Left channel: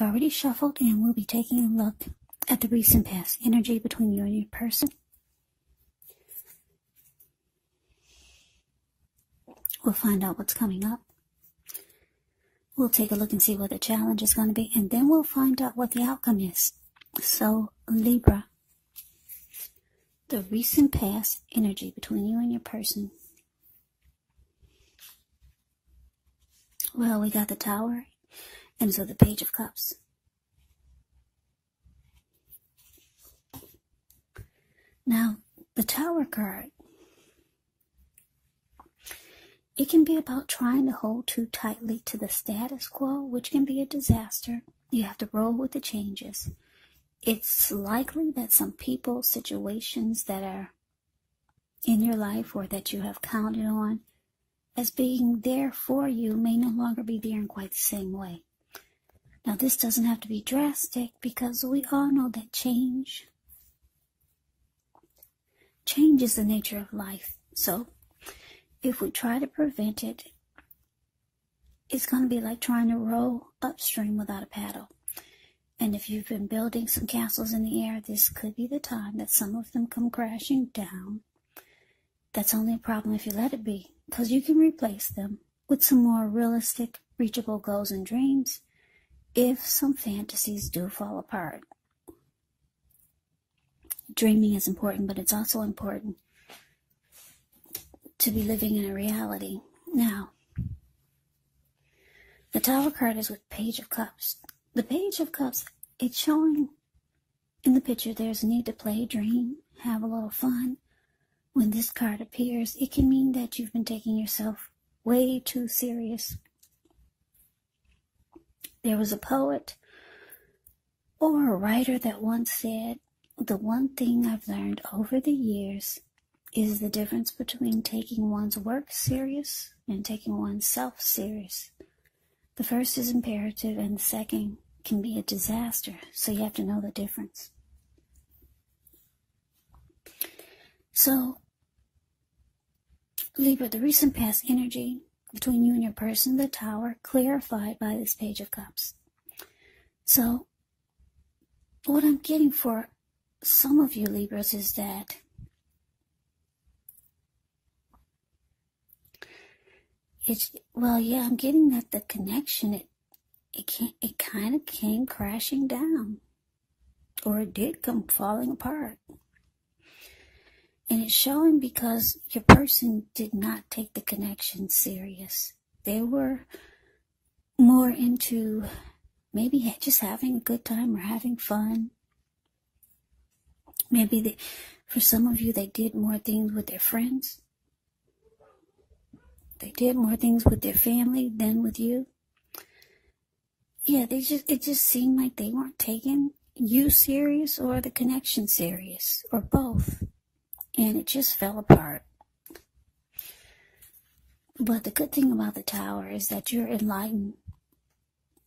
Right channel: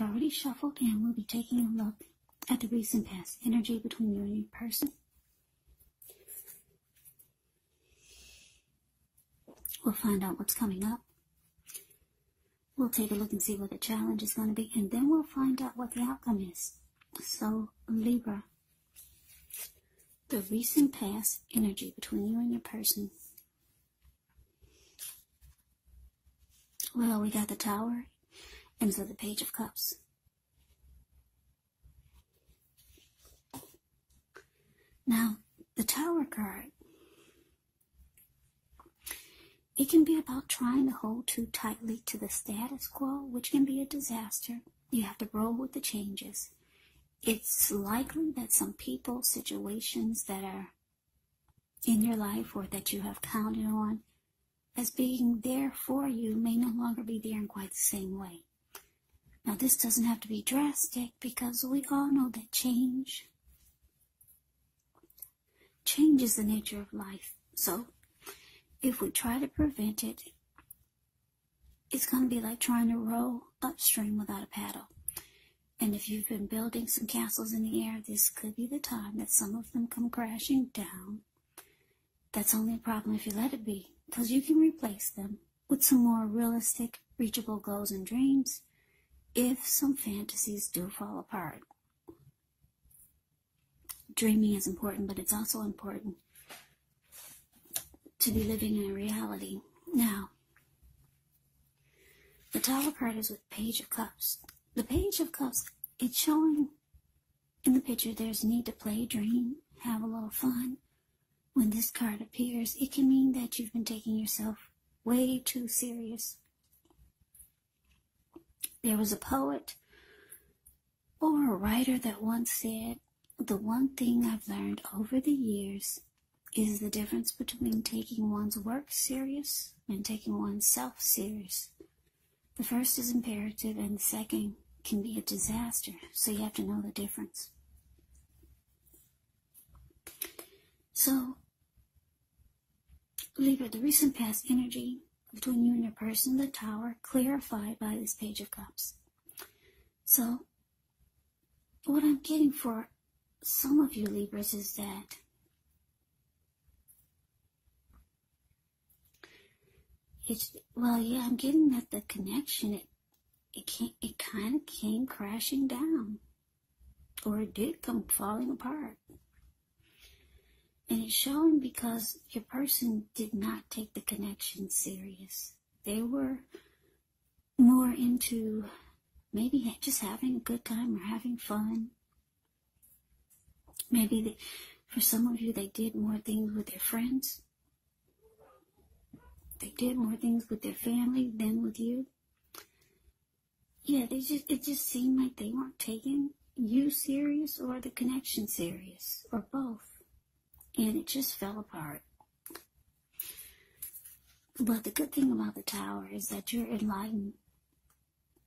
I've already shuffled, and we'll be taking a look at the recent past energy between you and your person. We'll find out what's coming up. We'll take a look and see what the challenge is going to be, and then we'll find out what the outcome is. So, Libra, the recent past energy between you and your person. Well, we got the Tower, and so the Page of Cups. Now, the Tower card, it can be about trying to hold too tightly to the status quo, which can be a disaster. You have to roll with the changes. It's likely that some people, situations that are in your life or that you have counted on as being there for you may no longer be there in quite the same way. Now, this doesn't have to be drastic because we all know that change is the nature of life. So, if we try to prevent it, it's going to be like trying to row upstream without a paddle. And if you've been building some castles in the air, this could be the time that some of them come crashing down. That's only a problem if you let it be, because you can replace them with some more realistic, reachable goals and dreams if some fantasies do fall apart. Dreaming is important, but it's also important to be living in a reality. Now, the Tower card is with Page of Cups. The Page of Cups, it's showing in the picture there's a need to play, dream, have a little fun. When this card appears, it can mean that you've been taking yourself way too serious. There was a poet or a writer that once said, the one thing I've learned over the years is the difference between taking one's work serious and taking oneself serious. The first is imperative and the second can be a disaster, so you have to know the difference. So, Libra, the recent past energy between you and your person, the Tower, clarified by this Page of Cups. So, what I'm getting for some of you Libras is that I'm getting that the connection, it kind of came crashing down, or it did come falling apart. And it's showing because your person did not take the connection serious. They were more into maybe just having a good time or having fun. Maybe for some of you, they did more things with their friends. They did more things with their family than with you. Yeah, it just seemed like they weren't taking you serious or the connection serious, or both. And it just fell apart. But the good thing about the Tower is that you're enlightened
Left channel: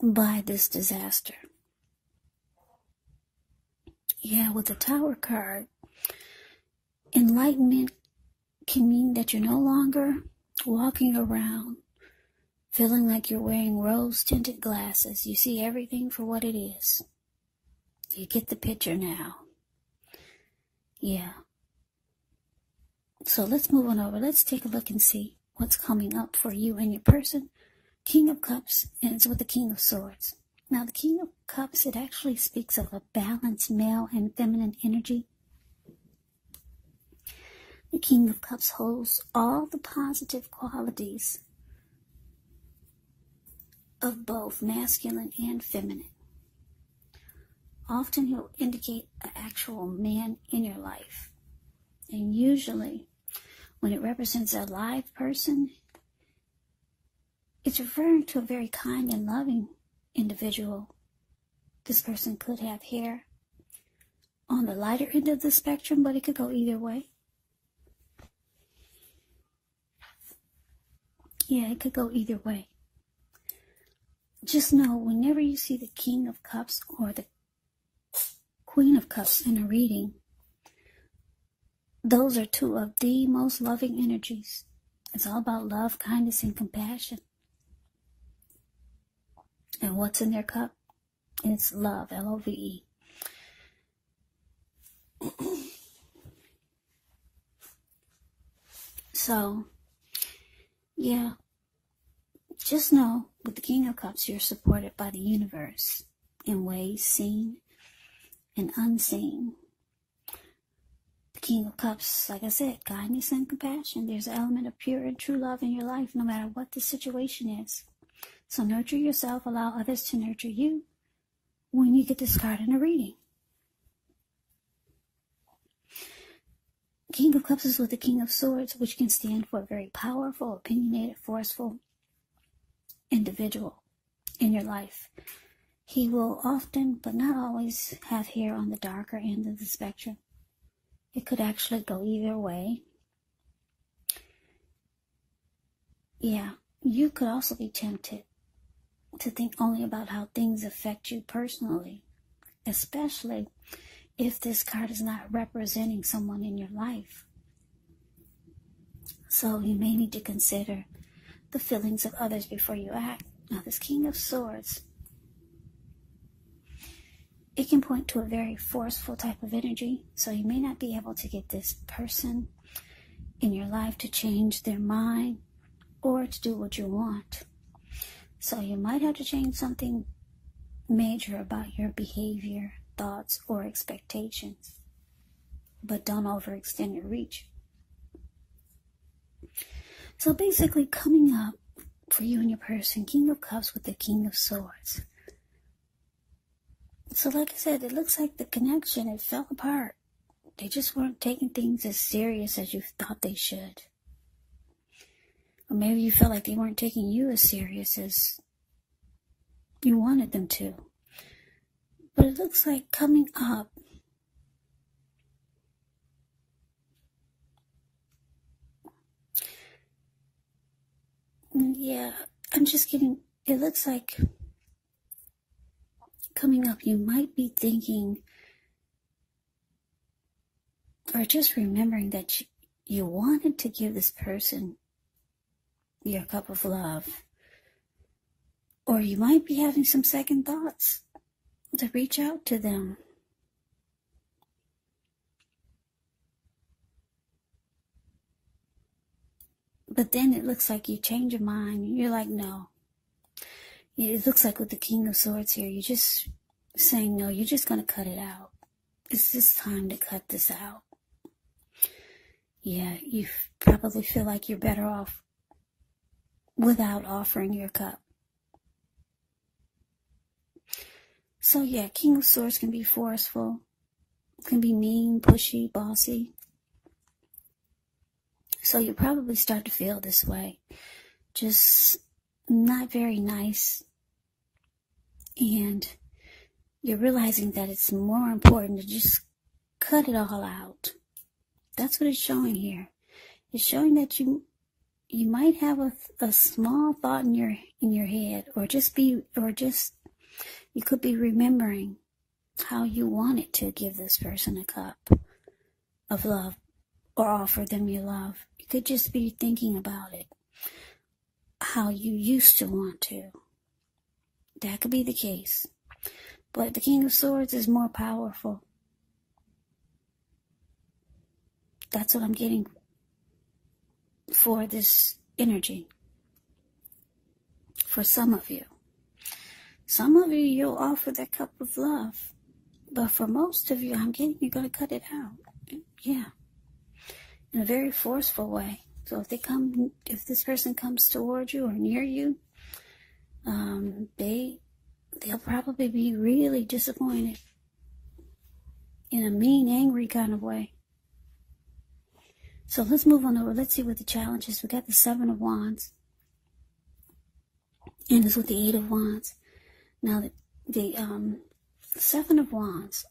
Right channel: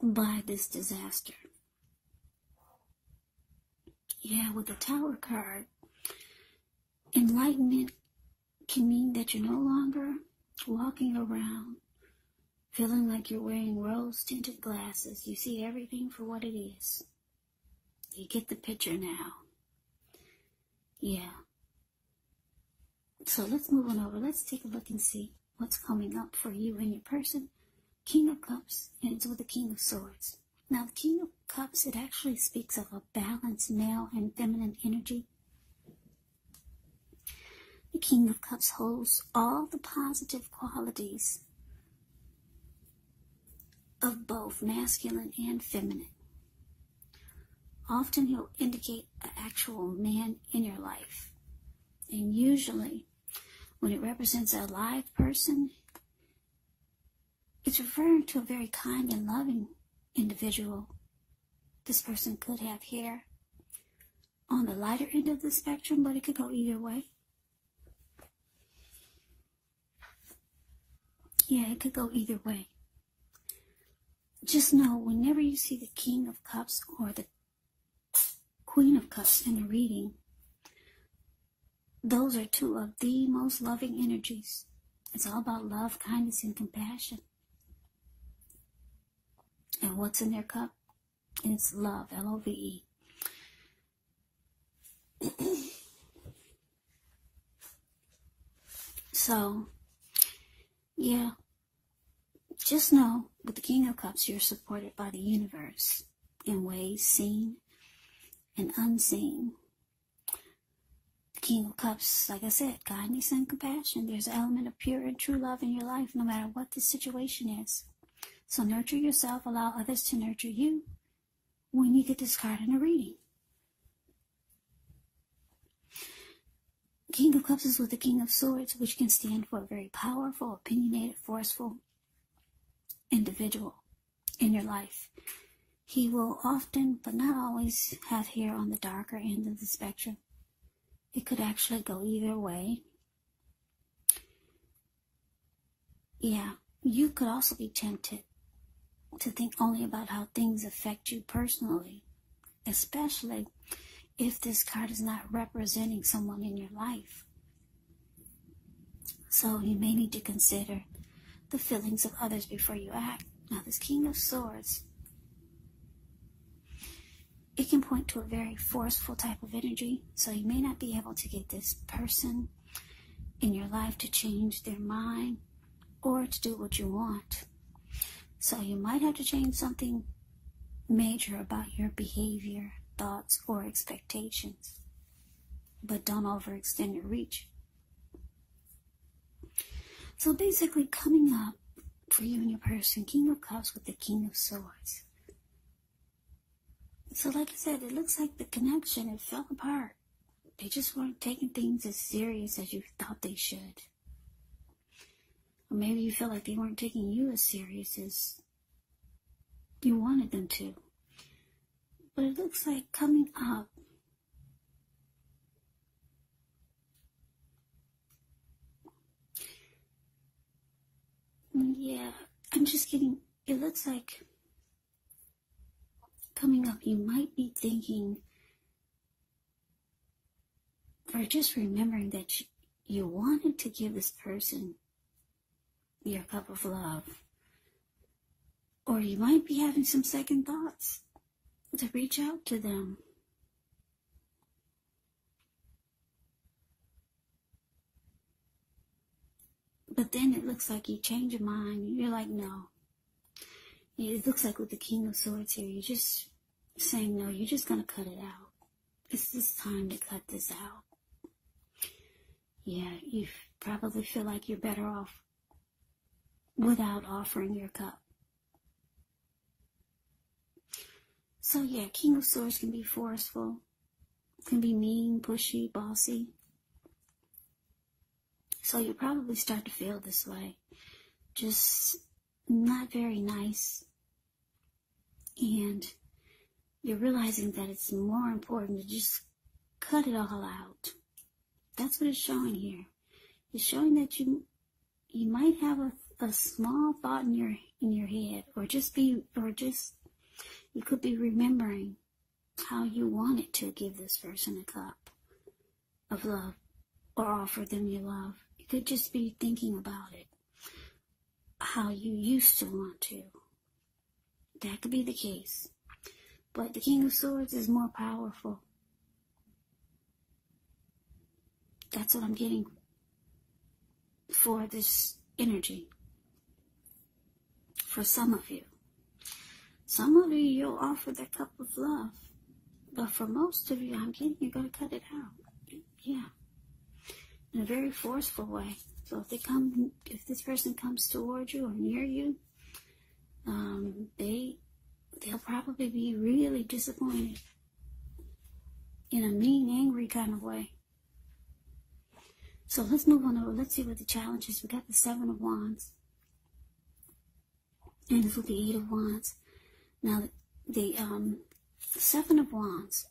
by this disaster. Yeah, with the Tower card, enlightenment can mean that you're no longer walking around feeling like you're wearing rose-tinted glasses. You see everything for what it is. You get the picture now. Yeah. So let's move on over. Let's take a look and see what's coming up for you and your person. King of Cups ends with the King of Swords. Now, the King of Cups, it actually speaks of a balanced male and feminine energy. The King of Cups holds all the positive qualities of both masculine and feminine. Often he'll indicate the actual man in your life. And usually, when it represents a live person, it's referring to a very kind and loving individual. This person could have hair on the lighter end of the spectrum, but it could go either way. Yeah, it could go either way. Just know, whenever you see the King of Cups or the Queen of Cups in a reading, those are two of the most loving energies. It's all about love, kindness, and compassion. And what's in their cup? It's love, L-O-V-E. So, yeah, just know with the King of Cups, you're supported by the universe in ways seen and unseen. The King of Cups, like I said, kindness and compassion. There's an element of pure and true love in your life, no matter what the situation is. So nurture yourself, allow others to nurture you when you get this card in a reading. King of Cups is with the King of Swords, which can stand for a very powerful, opinionated, forceful individual in your life. He will often, but not always, have hair on the darker end of the spectrum. It could actually go either way. Yeah, you could also be tempted to think only about how things affect you personally, especially if this card is not representing someone in your life. So you may need to consider the feelings of others before you act. Now, this King of Swords, it can point to a very forceful type of energy. So you may not be able to get this person in your life to change their mind or to do what you want. So you might have to change something major about your behavior, thoughts, or expectations. But don't overextend your reach. So basically, coming up for you and your person, King of Cups with the King of Swords. So like I said, it looks like the connection, it fell apart. They just weren't taking things as serious as you thought they should. Or maybe you felt like they weren't taking you as serious as you wanted them to. But it looks like coming up, yeah, I'm just getting, it looks like coming up, you might be thinking, or just remembering that you wanted to give this person your cup of love. Or you might be having some second thoughts to reach out to them. But then it looks like you change your mind. You're like, no. It looks like with the King of Swords here, you're just saying, no, you're just going to cut it out. It's just time to cut this out. Yeah, you probably feel like you're better off without offering your cup. So yeah, King of Swords can be forceful, can be mean, pushy, bossy. So you probably start to feel this way. Just not very nice. And you're realizing that it's more important to just cut it all out. That's what it's showing here. It's showing that you might have a small thought in your head, or you could be remembering how you wanted to give this person a cup of love or offer them your love. You could just be thinking about it, how you used to want to. That could be the case. But the King of Swords is more powerful. That's what I'm getting for this energy. For some of you. Some of you, you'll offer that cup of love. But for most of you, I'm getting you're going to cut it out. Yeah. In a very forceful way. So if this person comes towards you or near you, they'll probably be really disappointed. In a mean, angry kind of way. So let's move on over. Let's see what the challenge is. We got the Seven of Wands. And it's with the Eight of Wands. Now, the Seven of Wands.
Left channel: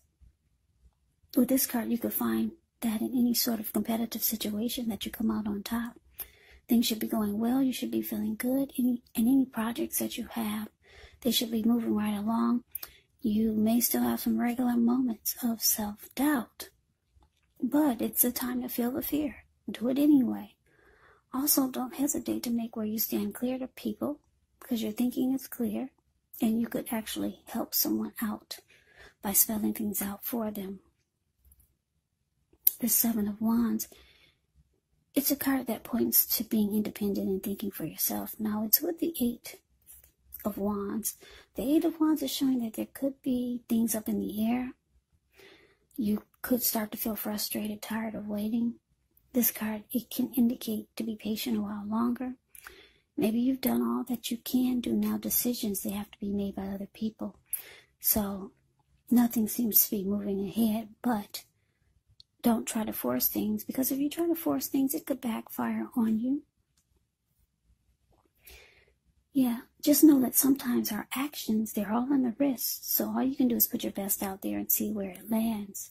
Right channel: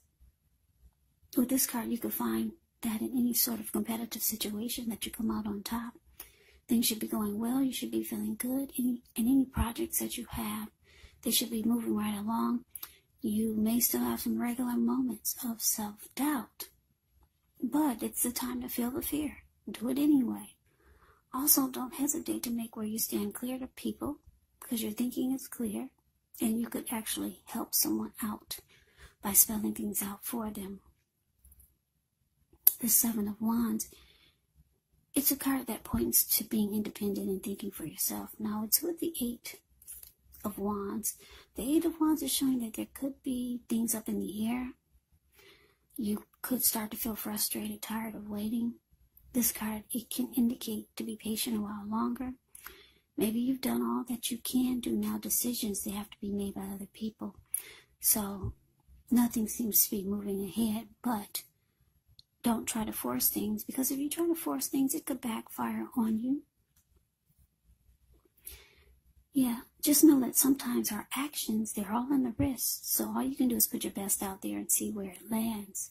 With this card, you could find that in any sort of competitive situation that you come out on top. Things should be going well. You should be feeling good. Any projects that you have, they should be moving right along. You may still have some regular moments of self-doubt. But it's the time to feel the fear. Do it anyway. Also, don't hesitate to make where you stand clear to people, because your thinking is clear and you could actually help someone out by spelling things out for them. The Seven of Wands, it's a card that points to being independent and thinking for yourself. Now it's with the Eight of Wands. The Eight of Wands is showing that there could be things up in the air. You could start to feel frustrated, tired of waiting. This card, it can indicate to be patient a while longer. Maybe you've done all that you can do. Now decisions, they have to be made by other people. So nothing seems to be moving ahead, but don't try to force things, because if you try to force things, it could backfire on you. Yeah, just know that sometimes our actions, they're all in the wrist. So all you can do is put your best out there and see where it lands.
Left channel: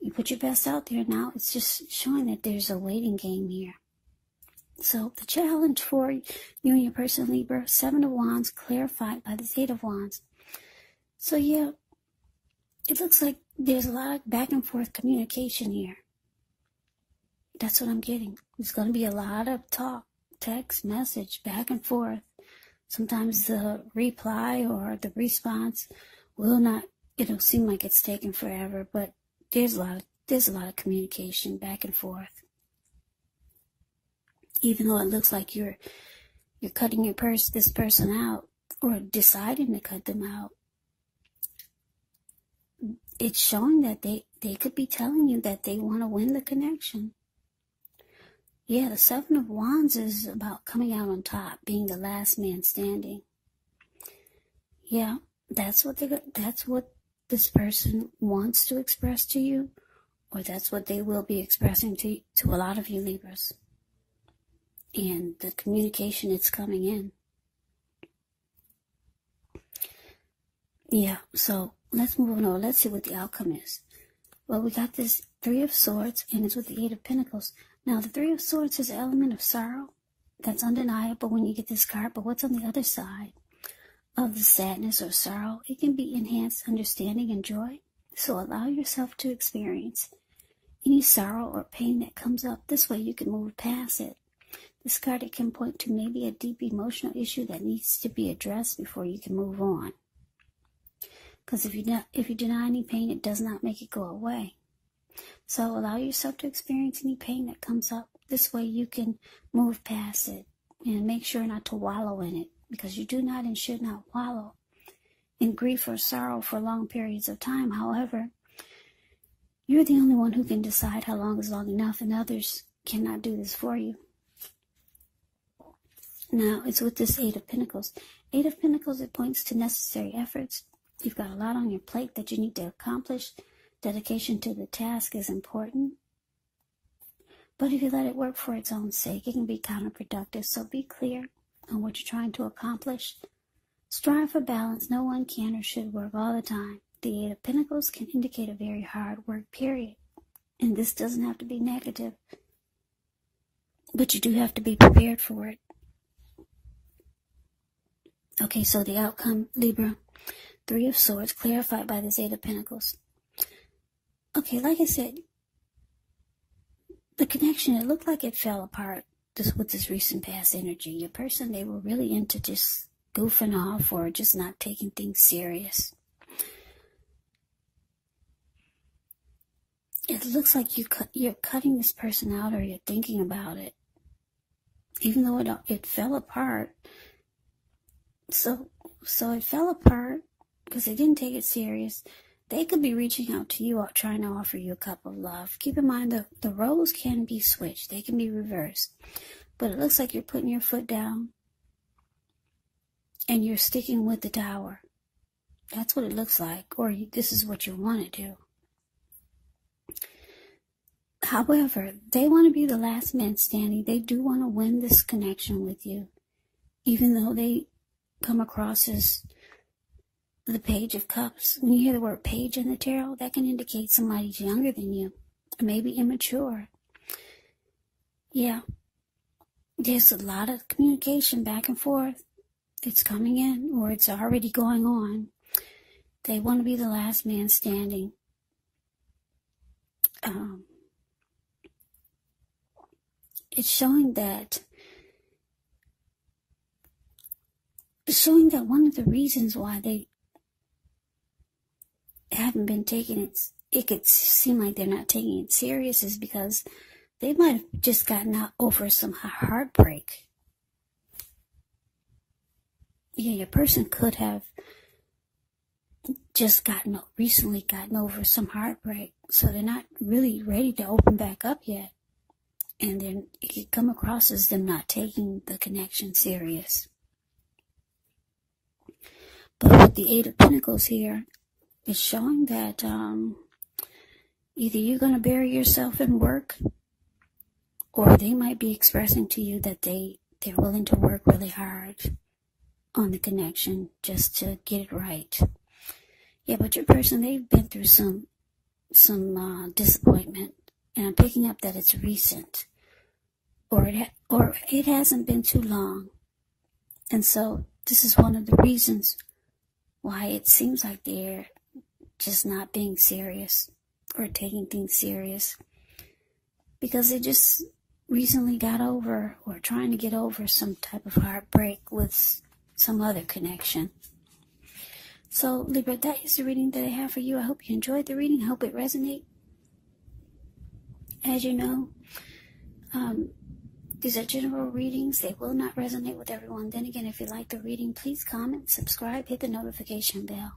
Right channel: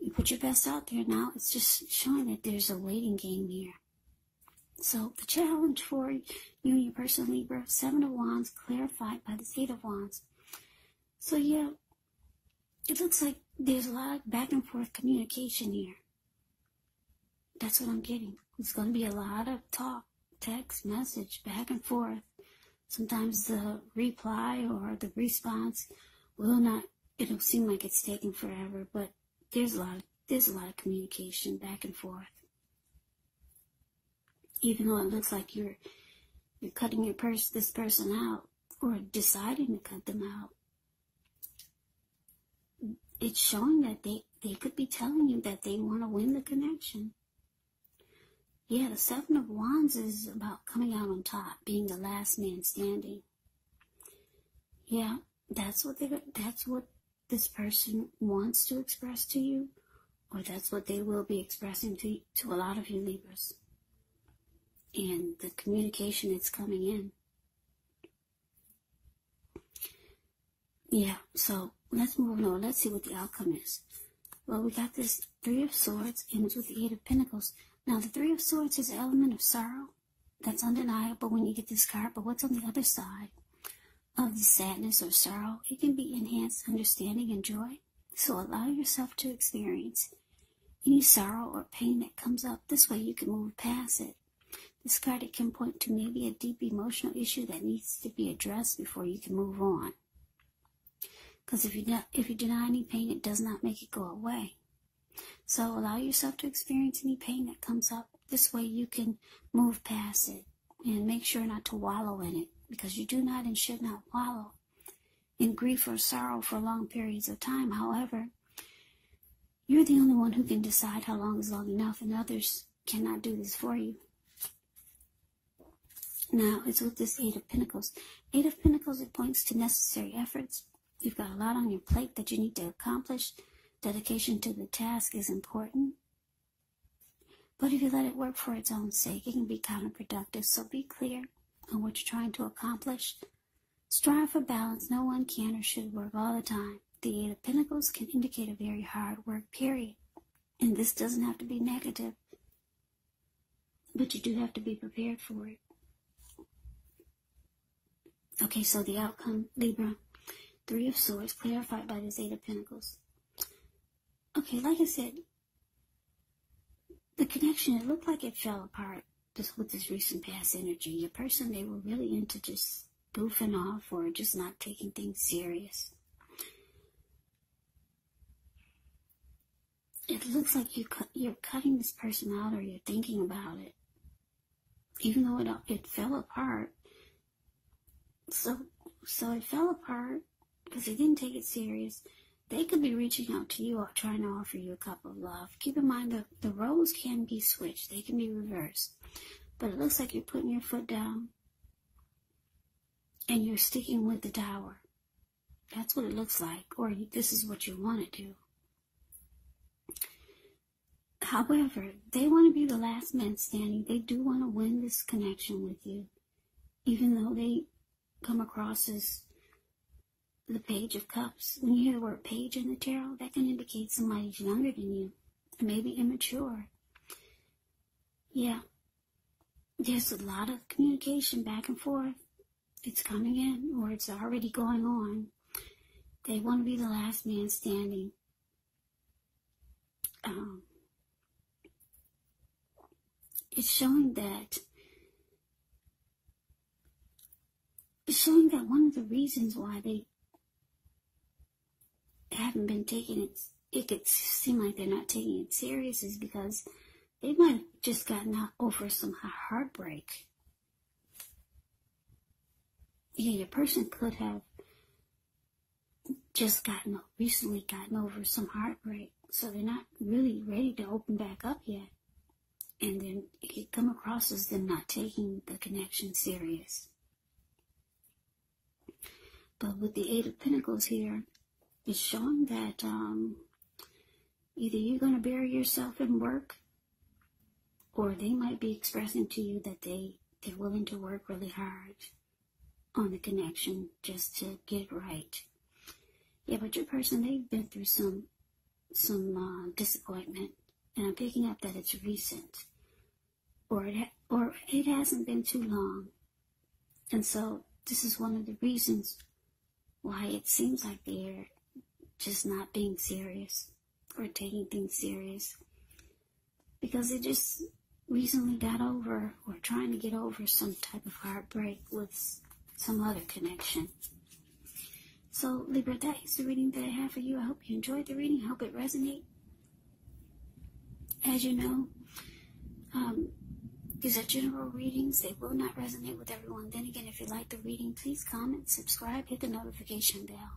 You put your best out there now, it's just showing that there's a waiting game here. So the challenge for you and your person, Libra, Seven of Wands, clarified by the Eight of Wands. So yeah, it looks like there's a lot of back and forth communication here. That's what I'm getting. There's going to be a lot of talk, text, message, back and forth. Sometimes the reply or the response will not, it'll seem like it's taking forever, but there's a lot of communication back and forth. Even though it looks like you're cutting this person out, or deciding to cut them out, it's showing that they could be telling you that they want to win the connection. Yeah, the Seven of Wands is about coming out on top, being the last man standing. Yeah, that's what this person wants to express to you, or that's what they will be expressing to a lot of you Libras. And the communication is coming in. Yeah, so let's move on over. Let's see what the outcome is. Well, we got this Three of Swords, and it's with the Eight of Pentacles. Now, the Three of Swords is an element of sorrow. That's undeniable when you get this card. But what's on the other side of the sadness or sorrow? It can be enhanced understanding and joy. So allow yourself to experience any sorrow or pain that comes up. This way you can move past it. This card, it can point to maybe a deep emotional issue that needs to be addressed before you can move on. Because if you deny any pain, it does not make it go away. So allow yourself to experience any pain that comes up. This way you can move past it. And make sure not to wallow in it. Because you do not and should not wallow in grief or sorrow for long periods of time. However, you're the only one who can decide how long is long enough, and others cannot do this for you. Now, it's with this Eight of Pentacles. Eight of Pentacles, it points to necessary efforts. You've got a lot on your plate that you need to accomplish. Dedication to the task is important. But if you let it work for its own sake, it can be counterproductive. So be clear on what you're trying to accomplish. Strive for balance. No one can or should work all the time. The Eight of Pentacles can indicate a very hard work period. And this doesn't have to be negative. But you do have to be prepared for it. Okay, so the outcome, Libra, Three of Swords, clarified by this Eight of Pentacles. Okay, like I said, the connection, it looked like it fell apart with this recent past energy. Your person, they were really into just goofing off or just not taking things serious. It looks like you're cutting this person out, or you're thinking about it. Even though it fell apart. So it fell apart because they didn't take it serious. They could be reaching out to you or trying to offer you a cup of love. Keep in mind that the roles can be switched. They can be reversed. But it looks like you're putting your foot down and you're sticking with the Tower. That's what it looks like. Or this is what you want to do. However, they want to be the last man standing. They do want to win this connection with you. Even though they come across as the Page of Cups. When you hear the word page in the tarot, that can indicate somebody's younger than you, or maybe immature. Yeah, there's a lot of communication back and forth. It's coming in, or it's already going on. They want to be the last man standing. It's showing that showing that one of the reasons why they haven't been taking it, it could seem like they're not taking it serious, is because they might have just gotten over some heartbreak. Yeah, your person could have just recently gotten over some heartbreak, so they're not really ready to open back up yet. And then it could come across as them not taking the connection serious. But with the Eight of Pentacles here, it's showing that either you're going to bury yourself in work, or they might be expressing to you that they're willing to work really hard on the connection just to get it right. Yeah, but your person, they've been through some disappointment, and I'm picking up that it's recent, or it hasn't been too long. And so this is one of the reasons why it seems like they're just not being serious or taking things serious, because they just recently got over or trying to get over some type of heartbreak with some other connection. So Libra, that is the reading that I have for you. I hope you enjoyed the reading. I hope it resonates. As you know, these are general readings. They will not resonate with everyone. Then again, if you like the reading, please comment, subscribe, hit the notification bell.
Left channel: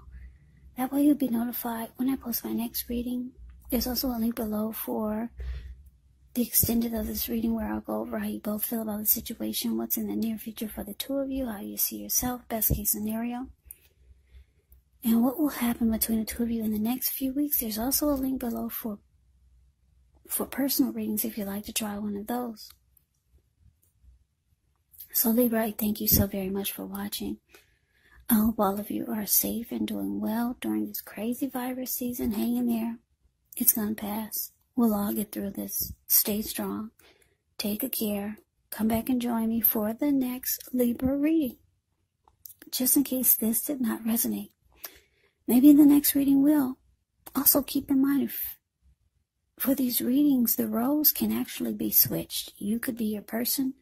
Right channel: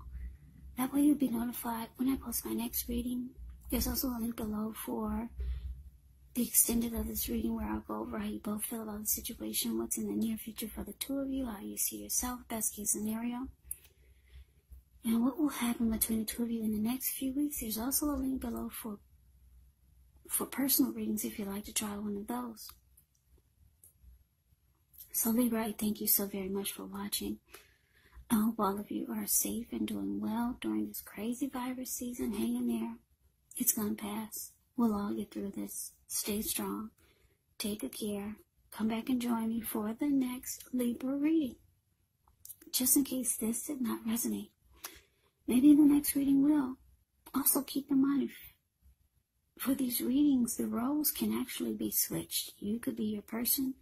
That way you'll be notified when I post my next reading. There's also a link below for the extended of this reading, where I'll go over how you both feel about the situation, what's in the near future for the two of you, how you see yourself, best case scenario, and what will happen between the two of you in the next few weeks. There's also a link below for personal readings if you'd like to try one of those. So Libra, I thank you so very much for watching. I hope all of you are safe and doing well during this crazy virus season. Hang in there. It's going to pass. We'll all get through this. Stay strong. Take good care. Come back and join me for the next Libra reading. Just in case this did not resonate. Maybe the next reading will. Also keep in mind, for these readings, the roles can actually be switched. You could be your person,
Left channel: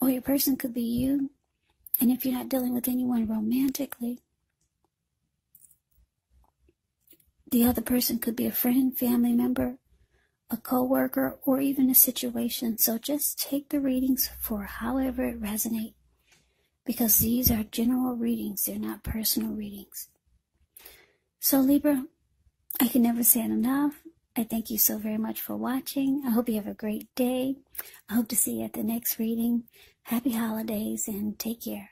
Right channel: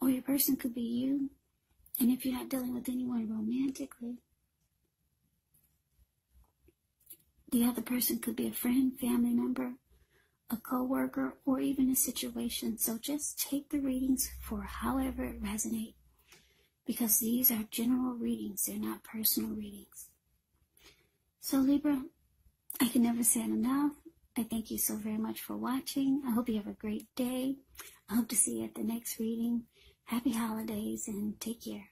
or your person could be you. And if you're not dealing with anyone romantically, the other person could be a friend, family member, a co-worker, or even a situation. So just take the readings for however it resonates, because these are general readings. They're not personal readings. So Libra, I can never say it enough. I thank you so very much for watching. I hope you have a great day. I hope to see you at the next reading. Happy holidays and take care.